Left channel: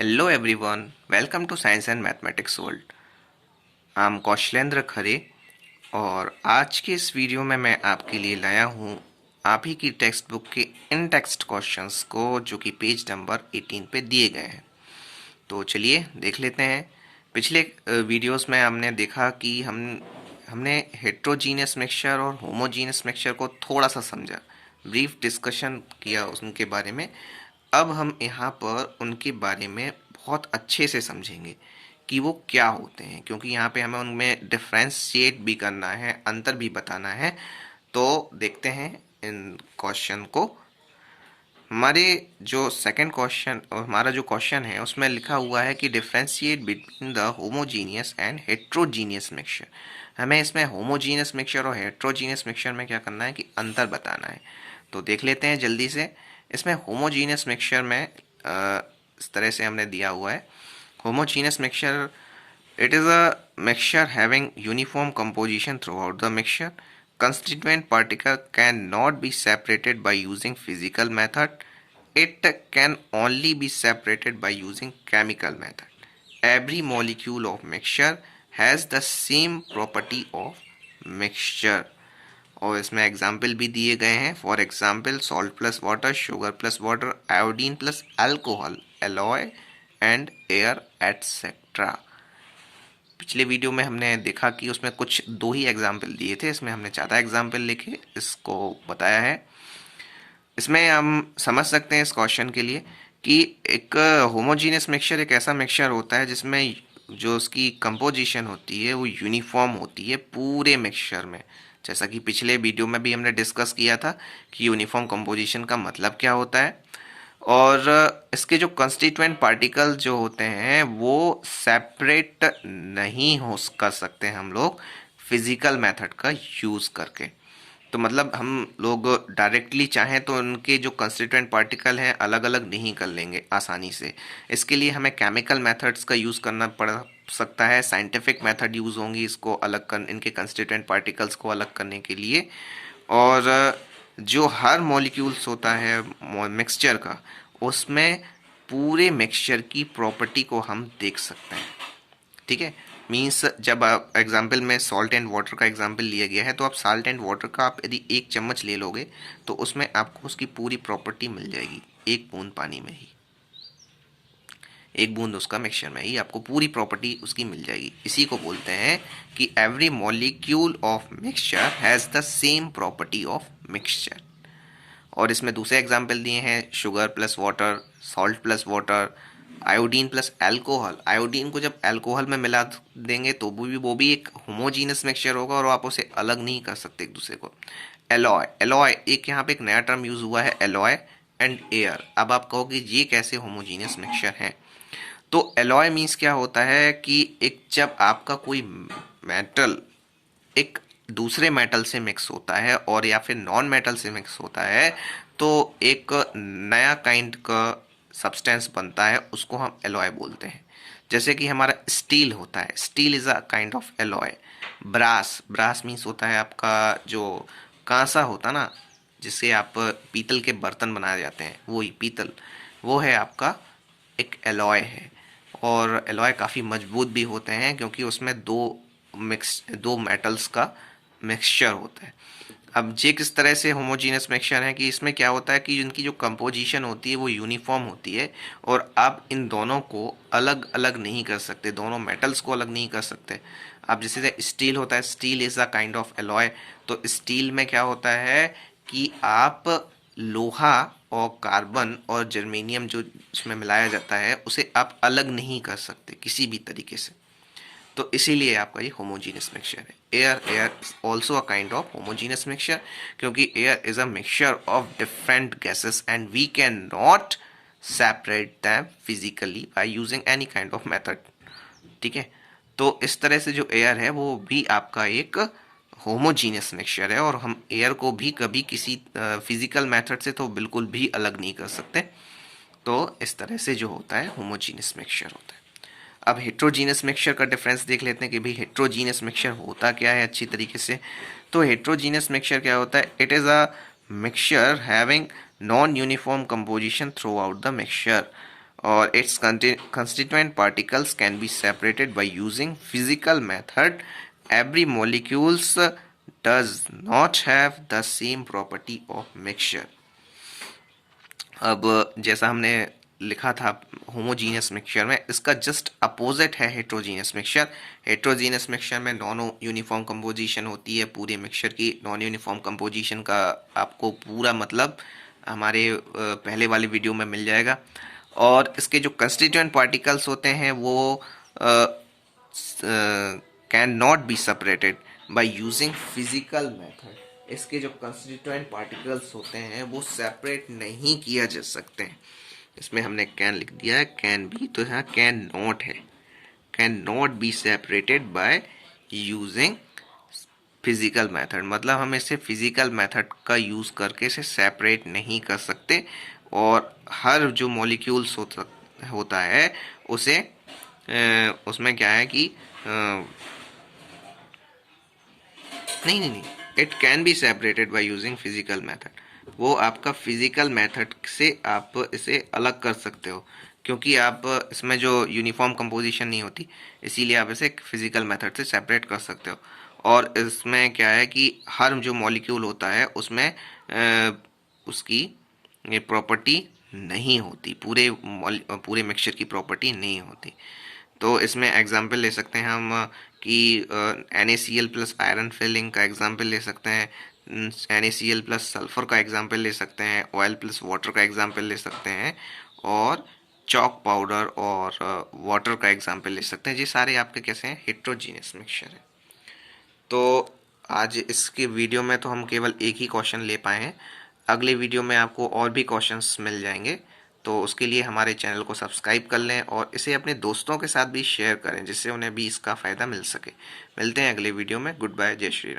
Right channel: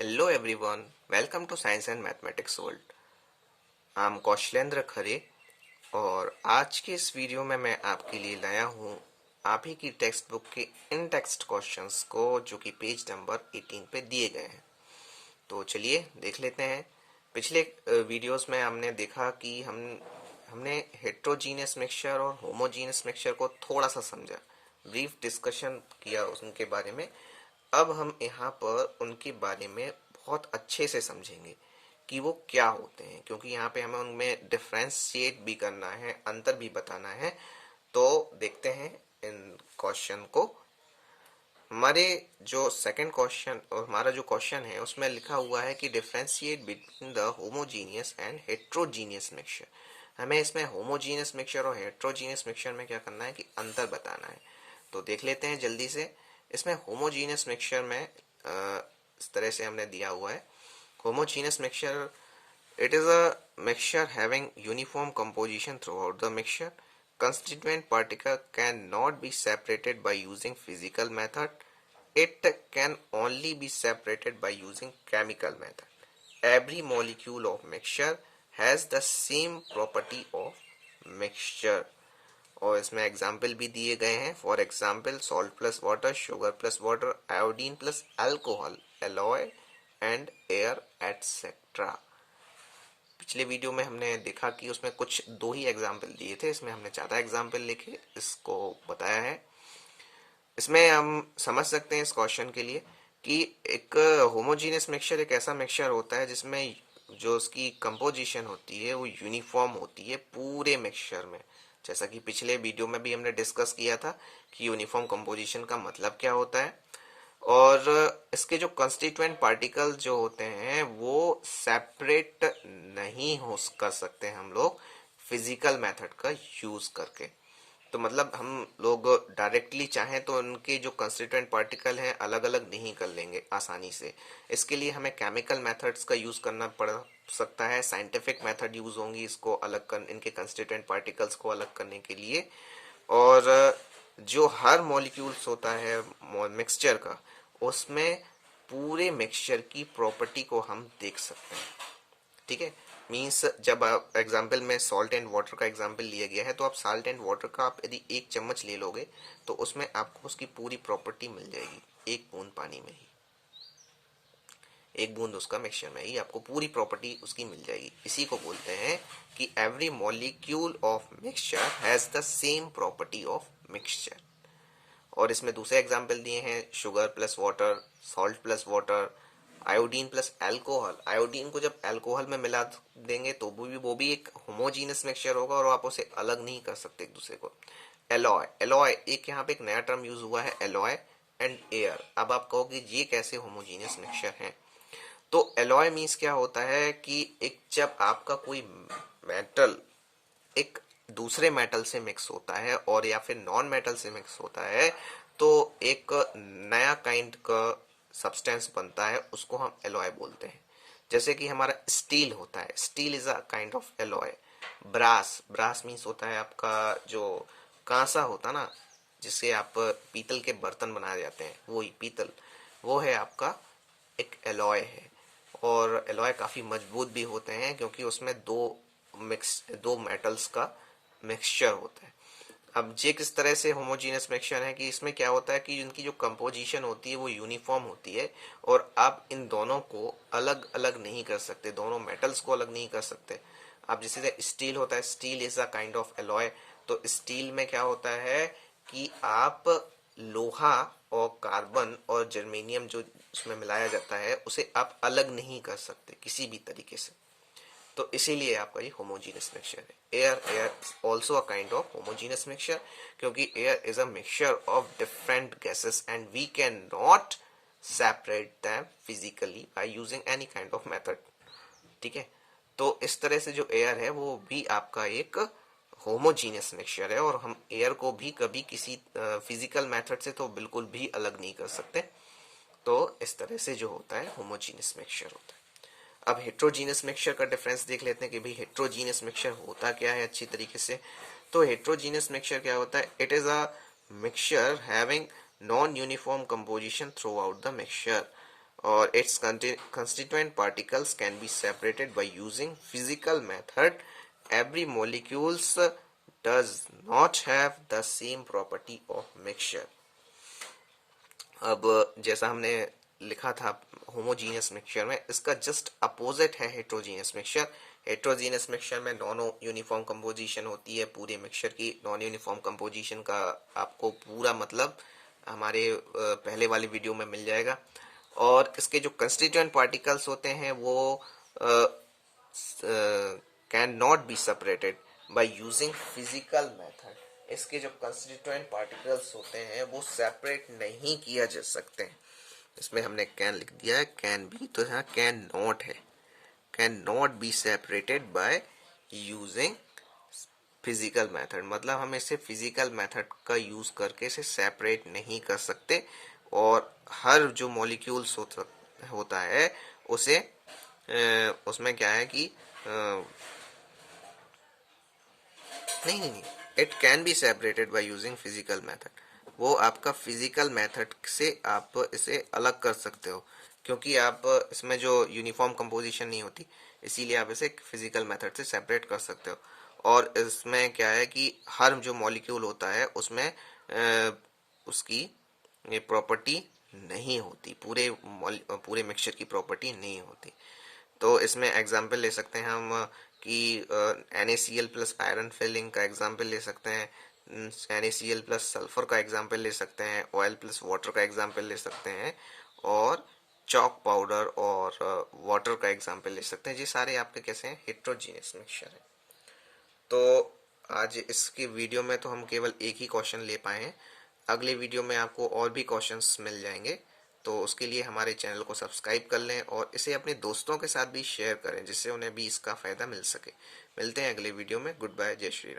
Hello everyone, welcome to Science and Mathematics World. I am Kaushlendra Khare और आज के इस वीडियो में मैं आपके लिए लाया हूँ आप ही की टेक्स्ट बुक के इन टेक्स्ट क्वेश्चंस को जो कि पेज नंबर 18 पे दिए गए हैं। तो चलिए देख लेते हैं। पिछले वीडियोस में हमने देखा कि हमने हेट्रोजीनियस मिक्सचर और होमोजीनियस मिक्सचर को थोड़ा सा समझा, ब्रीफ डिस्कशन किया उनके बारे में। अब हम यहाँ पर उनके बारे में बहुत अच्छे से समझेंगे कि वो क्या होते हैं, क्योंकि यहाँ पे हमें उनमें डिफ्रेंशिएट भी करना है, अंतर भी बताना है। तो देखते हैं इन क्वेश्चन को। हमारे जो सेकंड क्वेश्चन और हमारा जो क्वेश्चन है उसमें लिखा हुआ है कि differentiate between the homogeneous and heterogeneous mixture. हमें इसमें होमोजीनियस मिक्सचर और हेट्रोजीनियस मिक्सचर में क्या करना है कि अंतर बताना है। तो देख लेते हैं जल्दी से। इसमें होमोजीनियस मिक्सचर में इस तरह से हमने दिया हुआ है। Homogeneous mixture, it is a mixture having uniform composition throughout the mixture. Constituent particle cannot be separated by using physical method. It can only be separated by using chemical method. Every molecule of mixture has the same property of mixture. और इसमें example भी दिए गए हैं। For example salt plus water, sugar plus water, iodine plus alcohol, alloy and air etcetera. पिछले video में हमने देखा कि उसमें कुछ दो ही एग्जाम्पल दिए थे, इसमें हमने ज़्यादा एग्जाम्पल लिखे इसको बताया है। इसमें हम समझ सकते हैं इस क्वेश्चन के लिए कि एक होमोजीनियस मिक्सचर एक ऐसा मिक्सचर होता है जिसमें जो उसकी कंपोजिशन होती है वो यूनिफॉर्म होती है पूरे मिक्सचर में। जैसा कि पिछले वीडियो में भी हमने डिस्कस किया था कि यूनिफॉर्म कंपोजिशन का मतलब क्या होता है। और इसके जो कंस्टिट्यूएंट पार्टिकल जो होते हैं वो सेपरेट नहीं हो कर सकते हम लोग फिजिकल मेथड का यूज़ करके। तो मतलब हम लोग डायरेक्टली चाहें तो उनके जो कंस्टिट्यूएंट पार्टिकल हैं अलग अलग नहीं कर लेंगे आसानी से। इसके लिए हमें केमिकल मेथड्स का यूज़ करना पड़ सकता है, साइंटिफिक मेथड यूज़ होंगी इसको अलग कर, इनके कंस्टिट्यूएंट पार्टिकल्स को अलग करने के लिए। और जो हर मॉलिक्यूल्स होता है मिक्सचर का, उसमें पूरे मिक्सचर की प्रॉपर्टी को हम देख सकते हैं। ठीक है, मीन्स जब आप एग्जाम्पल में सॉल्ट एंड वाटर का एग्जाम्पल लिया गया है तो आप सॉल्ट एंड वाटर का आप यदि एक चम्मच ले लोगे तो उसमें आपको उसकी पूरी प्रॉपर्टी मिल जाएगी। एक बूंद पानी में ही, एक बूंद उसका मिक्सचर में ही आपको पूरी प्रॉपर्टी उसकी मिल जाएगी। इसी को बोलते हैं कि every molecule of mixture has the same property of mixture. और इसमें दूसरे एग्जाम्पल दिए हैं sugar plus water, salt plus water, iodine plus alcohol. Iodine को जब अल्कोहल में मिला देंगे तो वो भी एक होमोजीनस मिक्सचर होगा और आप उसे अलग नहीं कर सकते एक दूसरे को। एलॉय, एलॉय एक यहाँ पे एक नया टर्म यूज हुआ है, एलॉय एंड एयर। अब आप कहोगे ये कैसे होमोजीनियस मिक्सचर है। तो एलॉय मीन्स क्या होता है कि एक जब आपका कोई मेटल एक दूसरे मेटल से मिक्स होता है और या फिर नॉन मेटल से मिक्स होता है तो एक नया काइंड का सब्सटेंस बनता है, उसको हम एलॉय बोलते हैं। जैसे कि हमारा स्टील होता है, steel is a kind of alloy. Brass, brass means होता है आपका जो कांसा होता ना, जिससे आप पीतल के बर्तन बनाए जाते हैं, वही पीतल, वो है आपका एक एलॉय है। और एलॉय काफ़ी मजबूत भी होते हैं क्योंकि उसमें दो मेटल्स का मिक्सचर होता है। अब ये किस तरह से होमोजीनियस मिक्सचर है कि इसमें क्या होता है कि इनकी जो कंपोजिशन होती है वो यूनिफॉर्म होती है और आप इन दोनों को अलग अलग नहीं कर सकते, दोनों मेटल्स को अलग नहीं कर सकते। अब जैसे स्टील होता है, steel is a kind of alloy. तो स्टील में क्या होता है कि आप लोहा और कार्बन और जर्मेनियम जो इसमें मिलाया जाता है उसे आप अलग नहीं कर सकते किसी भी तरीके से। तो इसीलिए आपका ये होमोजीनियस मिक्सचर है। Air, air is also a kind of homogeneous mixture क्योंकि air is a mixture of different gases and we can not separate them physically by using any kind of method. ठीक है, तो इस तरह से जो air है वो भी आपका एक होमोजीनियस मिक्सचर है और हम एयर को भी कभी किसी फिजिकल मेथड से तो बिल्कुल भी अलग नहीं कर सकते। तो इस तरह से जो होता है होमोजीनियस मिक्सचर होता है। अब हेट्रोजीनियस मिक्सचर का डिफरेंस देख लेते हैं कि भाई हेट्रोजीनियस मिक्सचर होता क्या है अच्छी तरीके से। तो हेट्रोजीनियस मिक्सचर क्या होता है, it is a mixture having non uniform composition through out the mixture. और its constituent particles can be separated by using physical method. Every molecules does not have the same property of mixture. अब जैसा हमने लिखा था homogeneous mixture में, इसका just opposite है heterogeneous mixture. Heterogeneous mixture में नॉन यूनिफॉर्म कंपोजिशन होती है पूरे मिक्सचर की। नॉन यूनिफॉर्म कंपोजिशन का आपको पूरा मतलब हमारे पहले वाले वीडियो में मिल जाएगा। और इसके जो कंस्टिट्यूएंट पार्टिकल्स होते हैं वो can not be separated by using physical method. इसके जो कंस्टिट्यूएंट पार्टिकल्स होते हैं वो सेपरेट नहीं किया जा सकते हैं। इसमें हमने कैन लिख दिया है, कैन बी तो यहाँ कैन नॉट है, can not be separated by using physical method. मतलब हम इसे फिजिकल मेथड का यूज़ करके इसे सेपरेट नहीं कर सकते। और हर जो मॉलिक्यूल्स होता है उसे उसमें क्या है कि नहीं नहीं नहीं, it can be separated by using physical method. वो आपका फिजिकल मेथड से आप इसे अलग कर सकते हो, क्योंकि आप इसमें जो यूनिफॉर्म कंपोजिशन नहीं होती, इसीलिए आप इसे फिजिकल मेथड से सेपरेट कर सकते हो। और इसमें क्या है कि हर जो मॉलिक्यूल होता है उसमें उसकी ये प्रॉपर्टी नहीं होती, पूरे मिक्सचर की प्रॉपर्टी नहीं होती। तो इसमें एग्जाम्पल ले सकते हैं हम कि NaCl प्लस आयरन फिलिंग का एग्जाम्पल ले सकते हैं, NaCl प्लस सल्फर का एग्जाम्पल ले सकते हैं, ऑयल प्लस वाटर का एग्जाम्पल ले सकते हैं, और चॉक पाउडर और वाटर का एग्जाम्पल ले सकते हैं। ये सारे आपके कैसे हैं, हेट्रोजीनियस मिक्सचर है। तो आज इसके वीडियो में तो हम केवल एक ही क्वेश्चन ले पाए हैं। अगले वीडियो में आपको और भी क्वेश्चंस मिल जाएंगे। तो उसके लिए हमारे चैनल को सब्सक्राइब कर लें और इसे अपने दोस्तों के साथ भी शेयर करें, जिससे उन्हें भी इसका फ़ायदा मिल सके। मिलते हैं अगले वीडियो में। गुड बाय, जय श्री राम।